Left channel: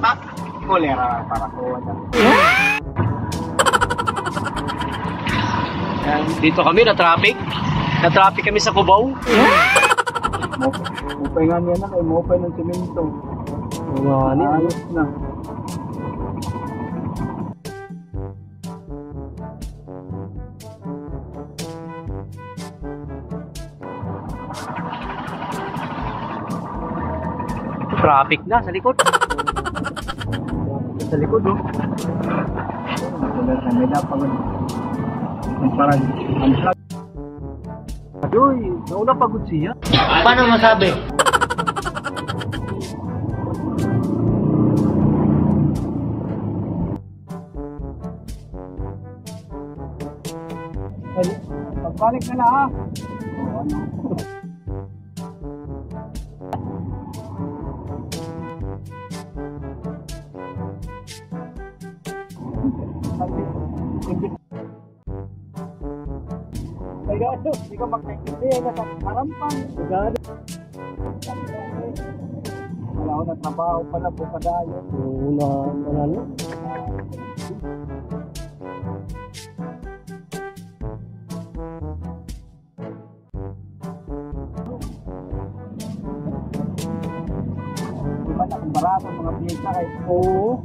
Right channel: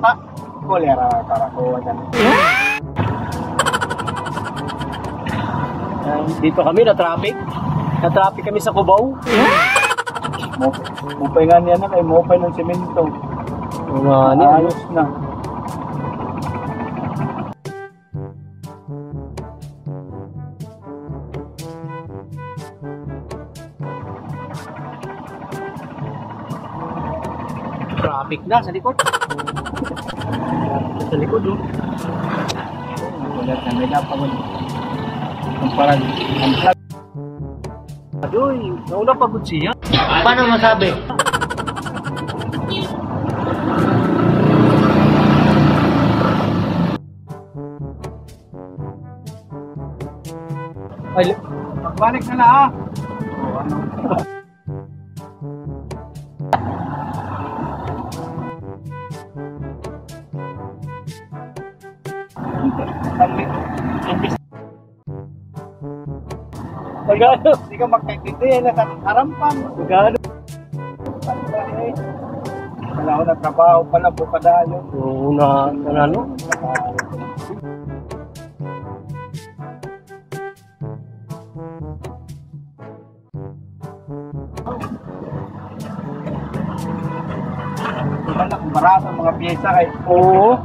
Ah, kolera para ko. Dito kami na traffic. Na traffic kami sa Cubao. Mupay nga niya na kay mupay ng semento. Ayos na. Traffic na sa likod. Sa likod, oh. Wala na, may napagod. Ang parang, ang plug. Adoy, nauna pagod siya. Paano masabi? Ay, pagbalik na ha. Magano? Hindi ka magkaintindi, nakarampan. Magano? Wala ko na trabaho pala po padayo. Oo na, ano? Di ba na kung barato ang mga piyesa kay Oo.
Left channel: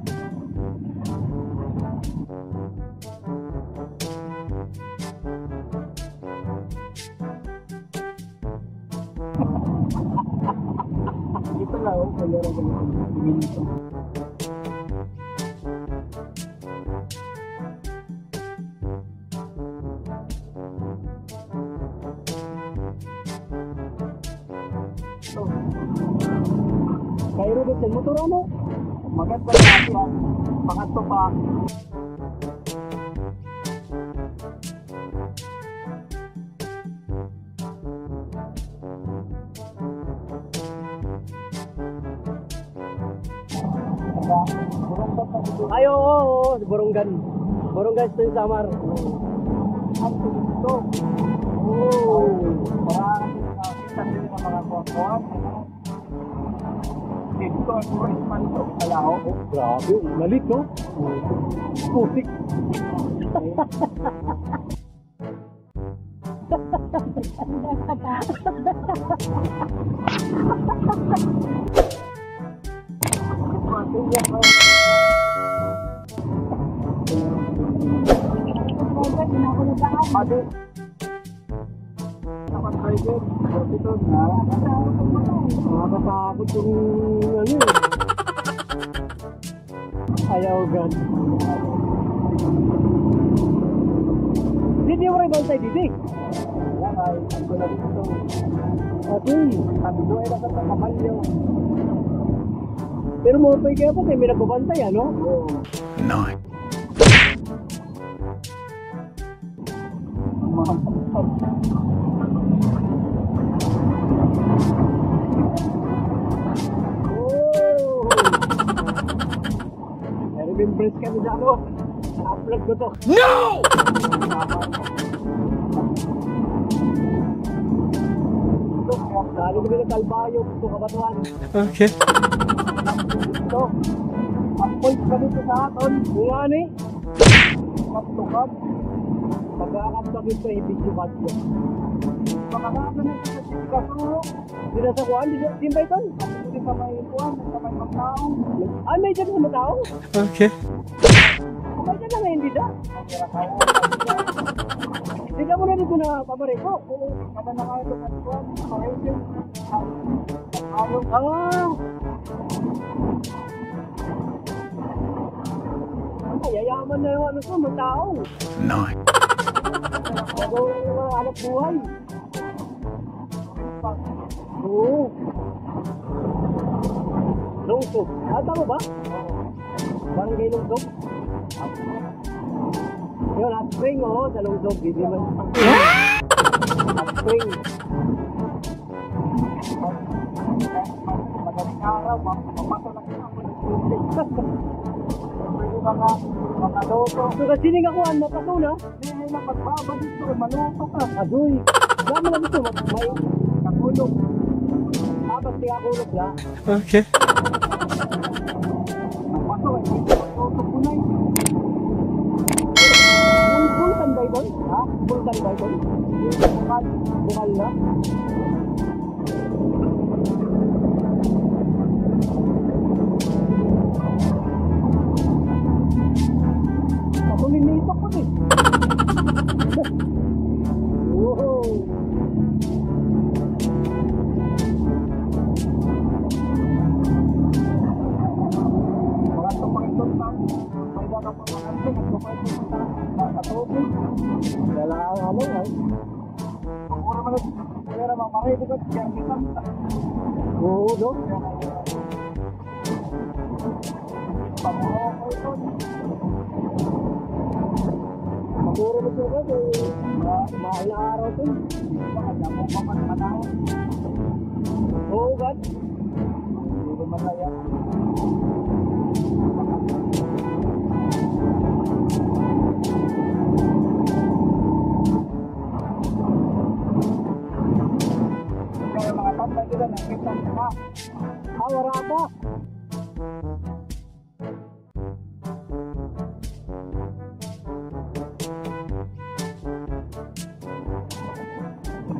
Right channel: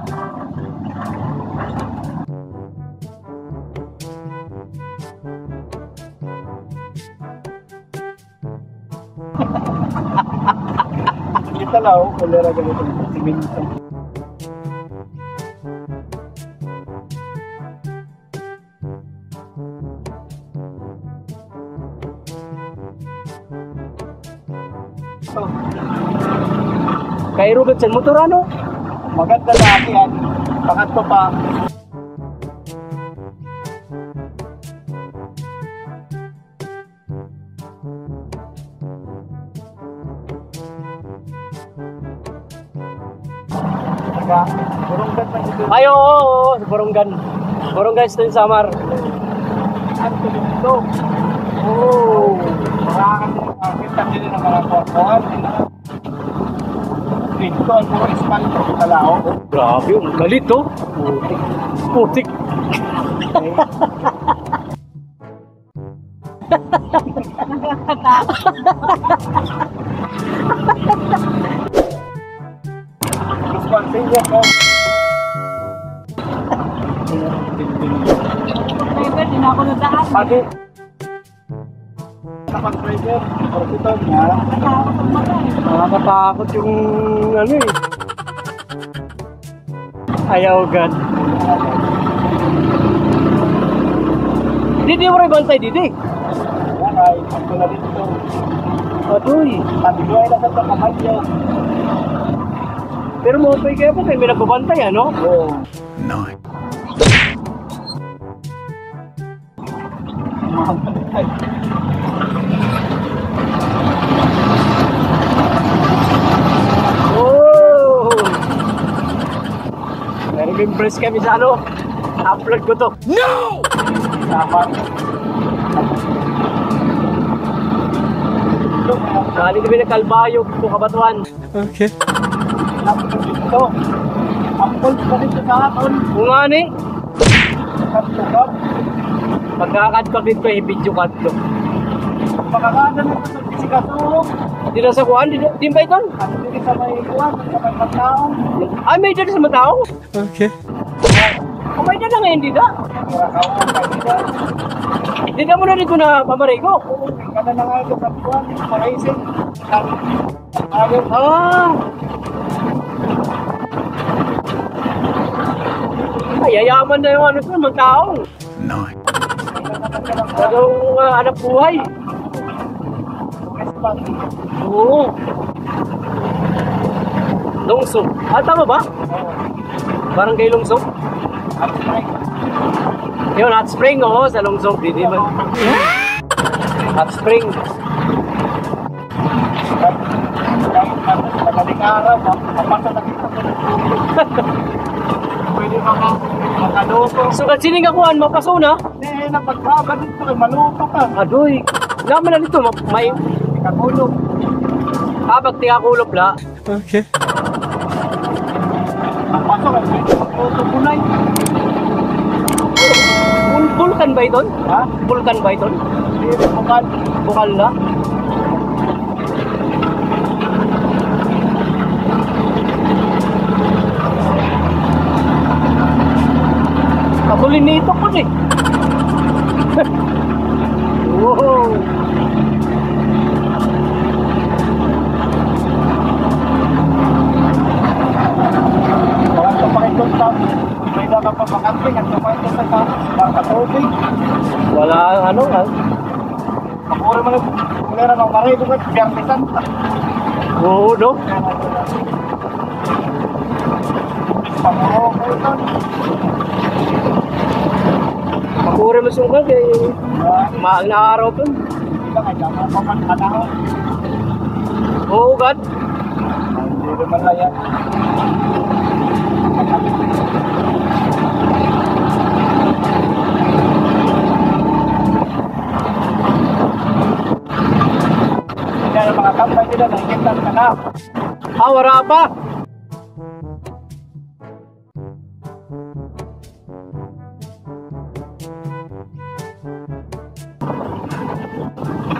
kita lang ako, kolera ganito. Siminto. Kay Robert sa motor ano? Maganda laki yan. Pangatlo pa. Burunggan pa dito. Ay, oo, sa Borongan. Borongan ito yung Samar. Ang tulog ito. Oo. Marakan din ang kita din ng mga portuan. Dito ang puro espalto sa lao. Grabe, yung galit to. Putik. Responsible ko. Driver, din ako nadaan. Pati sa pag-driver, ito niya. Nakakawak ang mata eh. Nakakatakot yung ano eh. Ayaw gan. Didi mo rin bantay, Didi. Yan ay, ang tulad dito. Adoy. Sabi ko ay nasa kamalyo. Pero mo pa kayo po kayo may nagbabantay ano? Oo. Nine. Oh! Meron impress kami sa ano? Upload ko to. No! Dapat. Kali kami na Kalbayo, kung kabatuan. Okay. Dito. Ang pulse pa dito sa akin. Kung nga ni, Katugab. pagkakadpag dito ay video cut to. Pagkakanan mo sa pisikatulog. Di na sa kuhan, di ba ito? At hindi sa may kuwan, sa may magtaong. Ay, may dyan sa matao. Okay. O may dyan na ngayon, di na. Di na mo na rin ko na pamaray ko. Kada na nga ito sa kuwan, sa racing. Ayaw. Ah! Ay, yayaman na yung ano ito, magtao. Nine. Anong anak buhay. Oo. Lungsong. Ah, tama ba? Parang kay Lungsong? Yun, hot spring, oo, sa Lungsong. Di man. Hot spring. Madaling araw, mapasa na kita sa pwede makaluto. So, sining akuan, mapaso na. Hindi na pagbaba dito, maluto ka. Adoy. Naman na dito, may Kakulog. habag tingakulop la. Okay. Puso ka, puso punay. Bulkan ba ito? Ha? Bulkan ba ito? Hindi, bukal. Bukal na? Katulin nito po eh. Wow. Parang sa pakitunta, may dapat pa makamping at kumain sa katubig. Wala ano nga. Kapura mo na, meron ng maray doon at biyarnisan. Oo, no? Pamuro ko ito. Makure mo sungkal kay maang na araw po. Lang ay tama pa man panahon. Oo, God. Hindi naman na yan. Kaya mga kampay nila, nakikitan ka na. Ah, wala pa.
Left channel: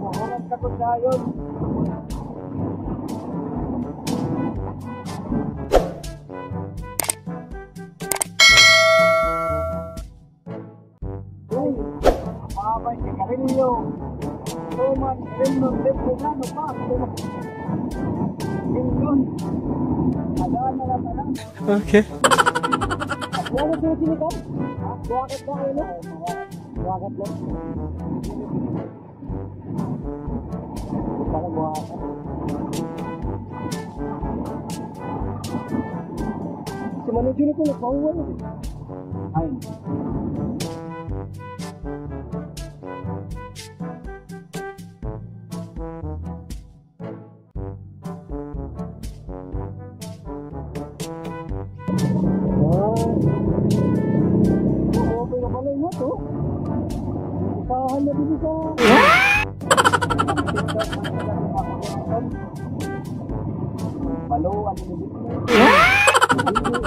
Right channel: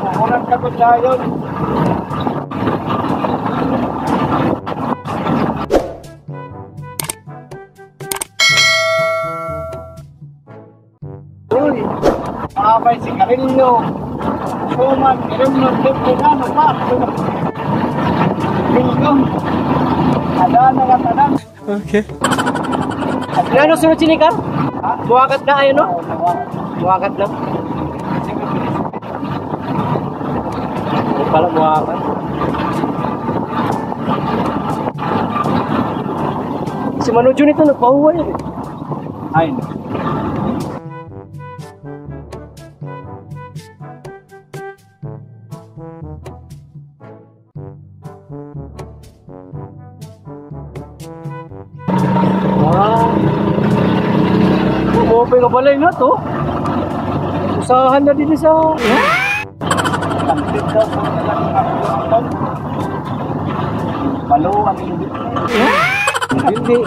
Puhunan ka kung dayon. Uy, abay si Karillo. Kuman, Karillo, Tepulano pa. Bilgong. Adana nga tanan. Okay. Ano sunod sinika? Ha? Buwakat na ayun, no? Oo, nawa. Buwakat na. Hindi pala buwakat. Si Manu Jun ito nagpahuway eh. Ay, Wow. Umopen ka pala yun to. Usahan na din sa... Balo ang hindi. Hindi.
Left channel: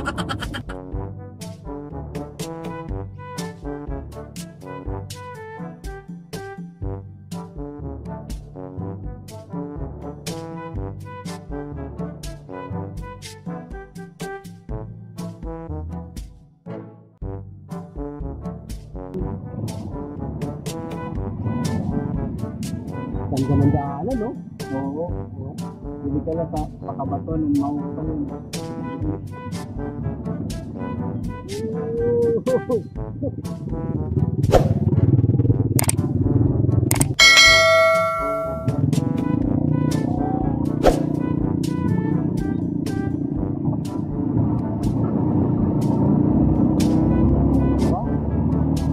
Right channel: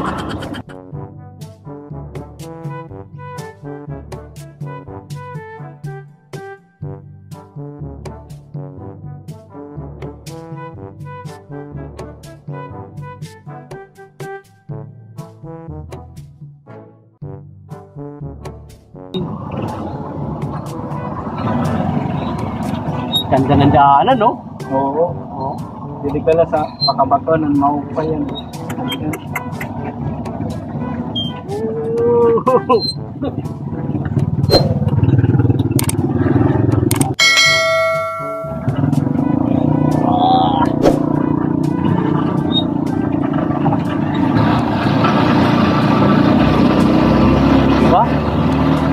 Ganda ng daanan, no? Oo. Oo. Hindi pala sa pakabato ng maupa yan. Diba?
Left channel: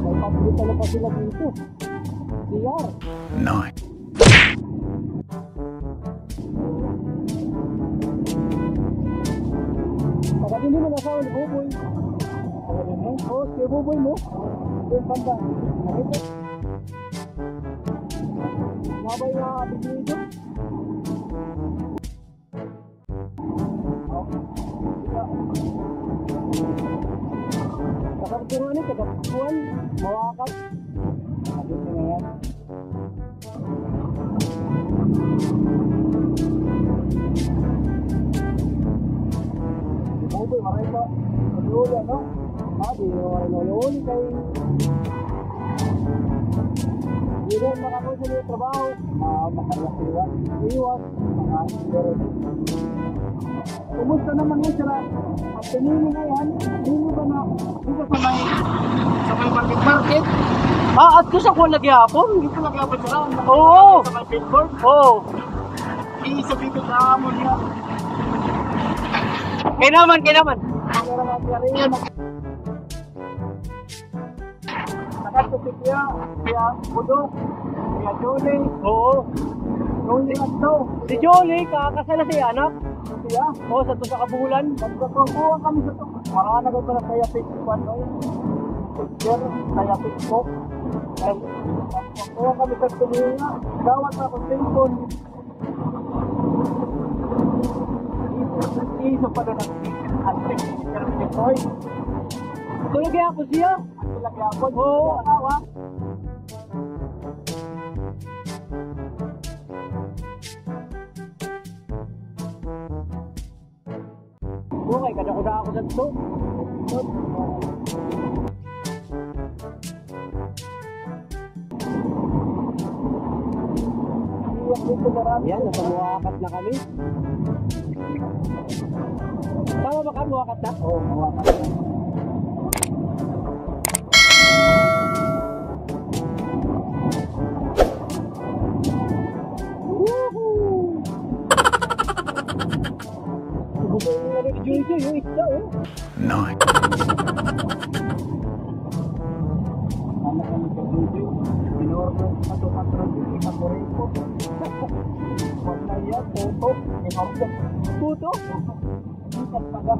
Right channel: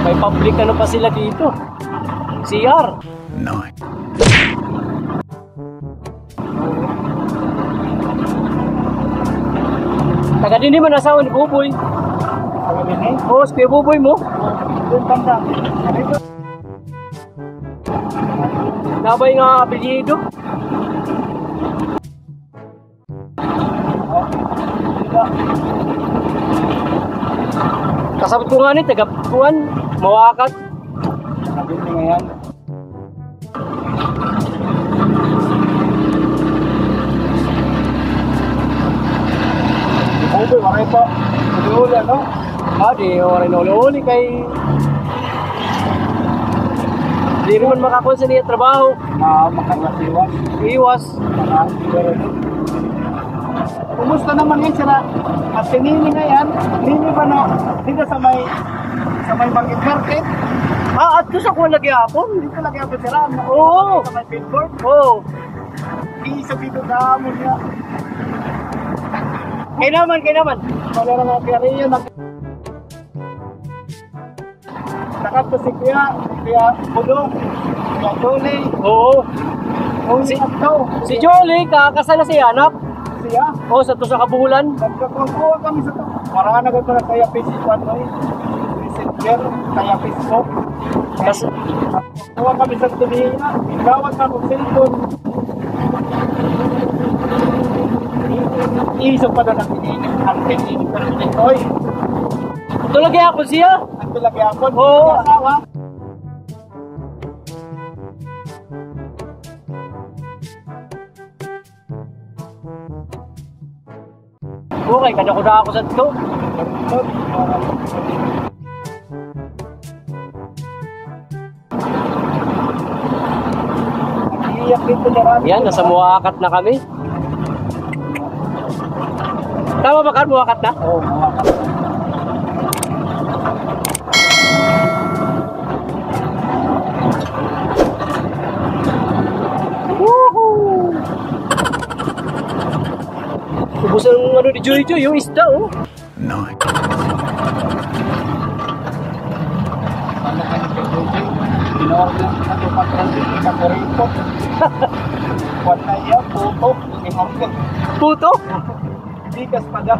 May public ano pa sila dito. CR. 9. Taga din naman asawa ni Buboy. Sabi din eh. Oo, si Kuya Buboy mo. Doon banda. Dito. Nabay nga apelyido. Kasabot ko nga ni taga Puan, Mawakat. Sabi din ngayon. Ubi, waray pa. Ubi-uli, ano? Di oray na uli kay... Di naman makakuha sa niya trabaho. Makarasiwan. Iwas. Kumusta naman yan sila? At sinini na yan, nini ba na dito sa may market? At ko sa kuha lagi hapon. Dito lagi ako sila. Oo. Sa may billboard. Oo. Isa dito sa amon niya. Kaya naman. Wala na mga kaya rin yun. Nakanto si Kuya Budong, Kuya Jolie. Oo. Kung si Abdo, Si Jolie, kakasal na si anak. siya. Oo, sa to sa kabulan. Nagkakuha kami sa to. Marana ko na kaya Facebook Messenger, kaya Facebook. Kas- Kuha kami sa tumihinga. Gawat na kong cellphone. Iisog pa doon ang tininig pero ito'y. Tulagi ako siya. Ang pilagyan Oo. asawa. Okay, kanya ko na ako sa ito. Iiyak dito na rin. Yan, nasa Muakat na kami. Tama ba kan, Muakat na? Oo, mawakas. Ubus ang ano ni Joy Joy, yung isda oh. 9, Ano ka ni Pedoji? In-order ako pag-transit sa Corito. Wala iya, puto. In-order. Puto? Bigas pa daw.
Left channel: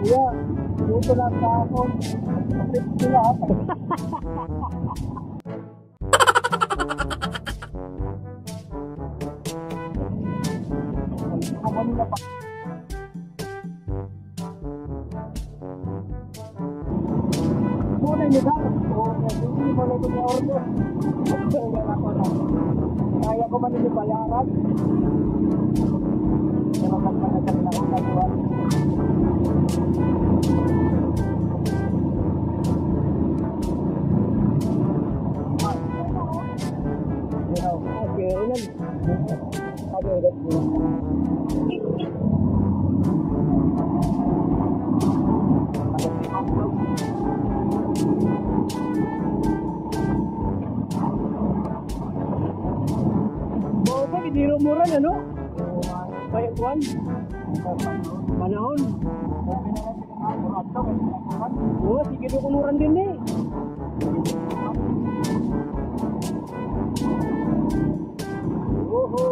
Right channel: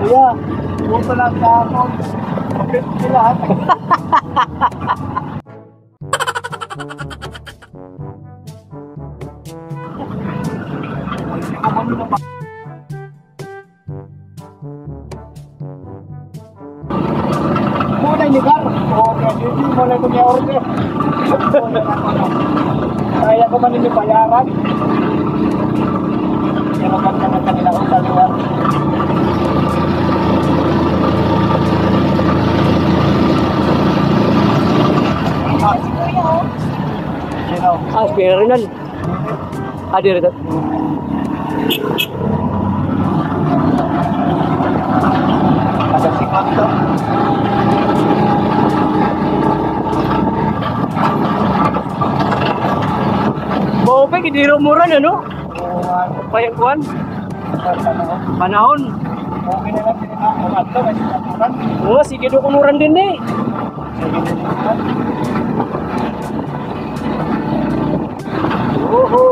Kuya, puto lang sa ako. Okay, lahat. Ano na pa? Muna ni Gar. Okay, hindi mo na ito niya order. Kaya ko man hindi bayaran. Kaya maganda na kanila ko sa luwa. Ah, spare rin yan. Ah, di rin. Ada si Kanto. Bopek, hindi rin mura na, no? Payang kuwan. Panahon. Okay na lang din ako. Kanto, may sinaturan. Oo, sige do kumuran din eh. Oho.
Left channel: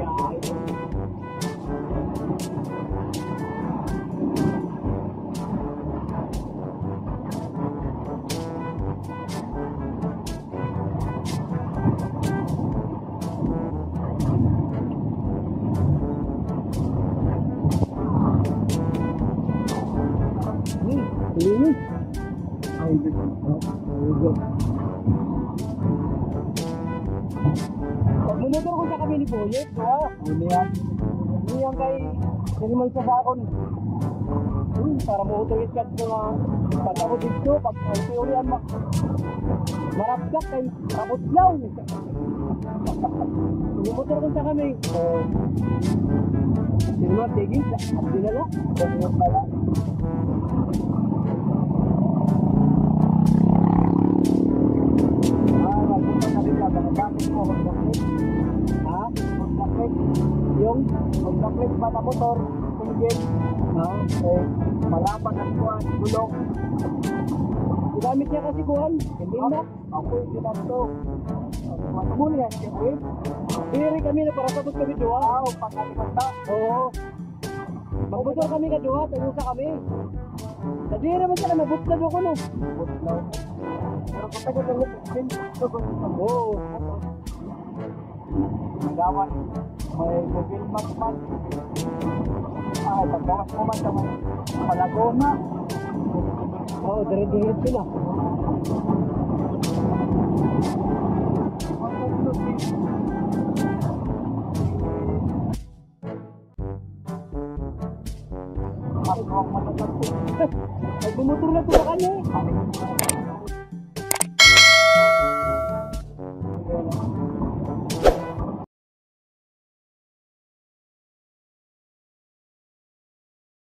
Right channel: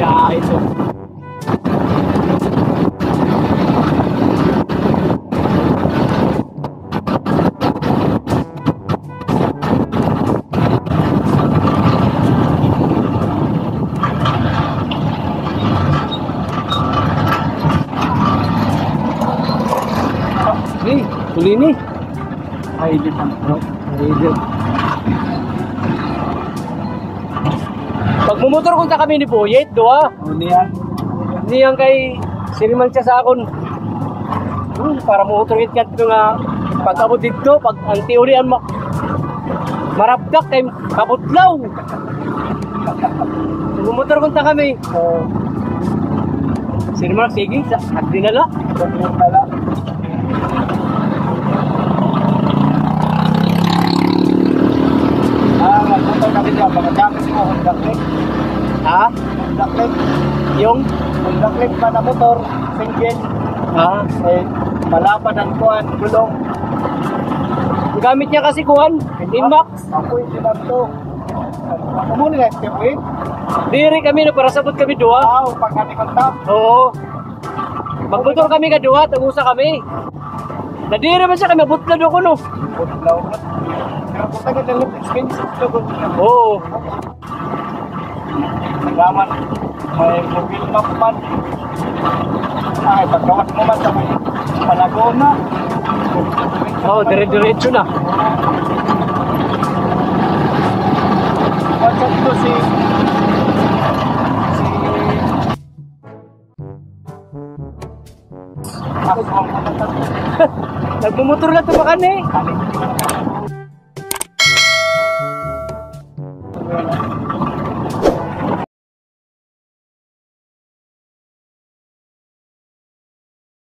Ah, ito. Hey, huli ni. Ay, di pa. Pag mumotor kunta kami ni Boyet, doa. Uli yan. Niyang kay siriman siya sa akon. Para motor it kat nga pag abot dito, pag ang teori ang marabdak kay kabutlaw. Mumotor kunta kami. Siriman sige, at dinala. Sobrang pala. Nagpunta na rin yan. Mga gamit mo, Honda Click. Ha? Honda Click. Yung? Honda Click pa na motor. Single. Ha? Eh, malaban ang kuhan, gulong. Gamit niya kasi kuhan, Inmax. Ako hindi lang to. Ako muna nga, Stephen. Diri kami na para sabot kami dua. Wow, pagkatikon ta. Oo. Magmotor kami ka dua, tagusa kami. Nadiri man siya kami, butlad ako no. Budlaw mo. Pero kung taga dalawang expensive to, Oo. nagaman, may mobile map man. Ay, pagkawas mo man sa may Malagona. Oo, dire-diretso na. What's up to si ako sa mga Nagmumotor na tumakan eh. kanin.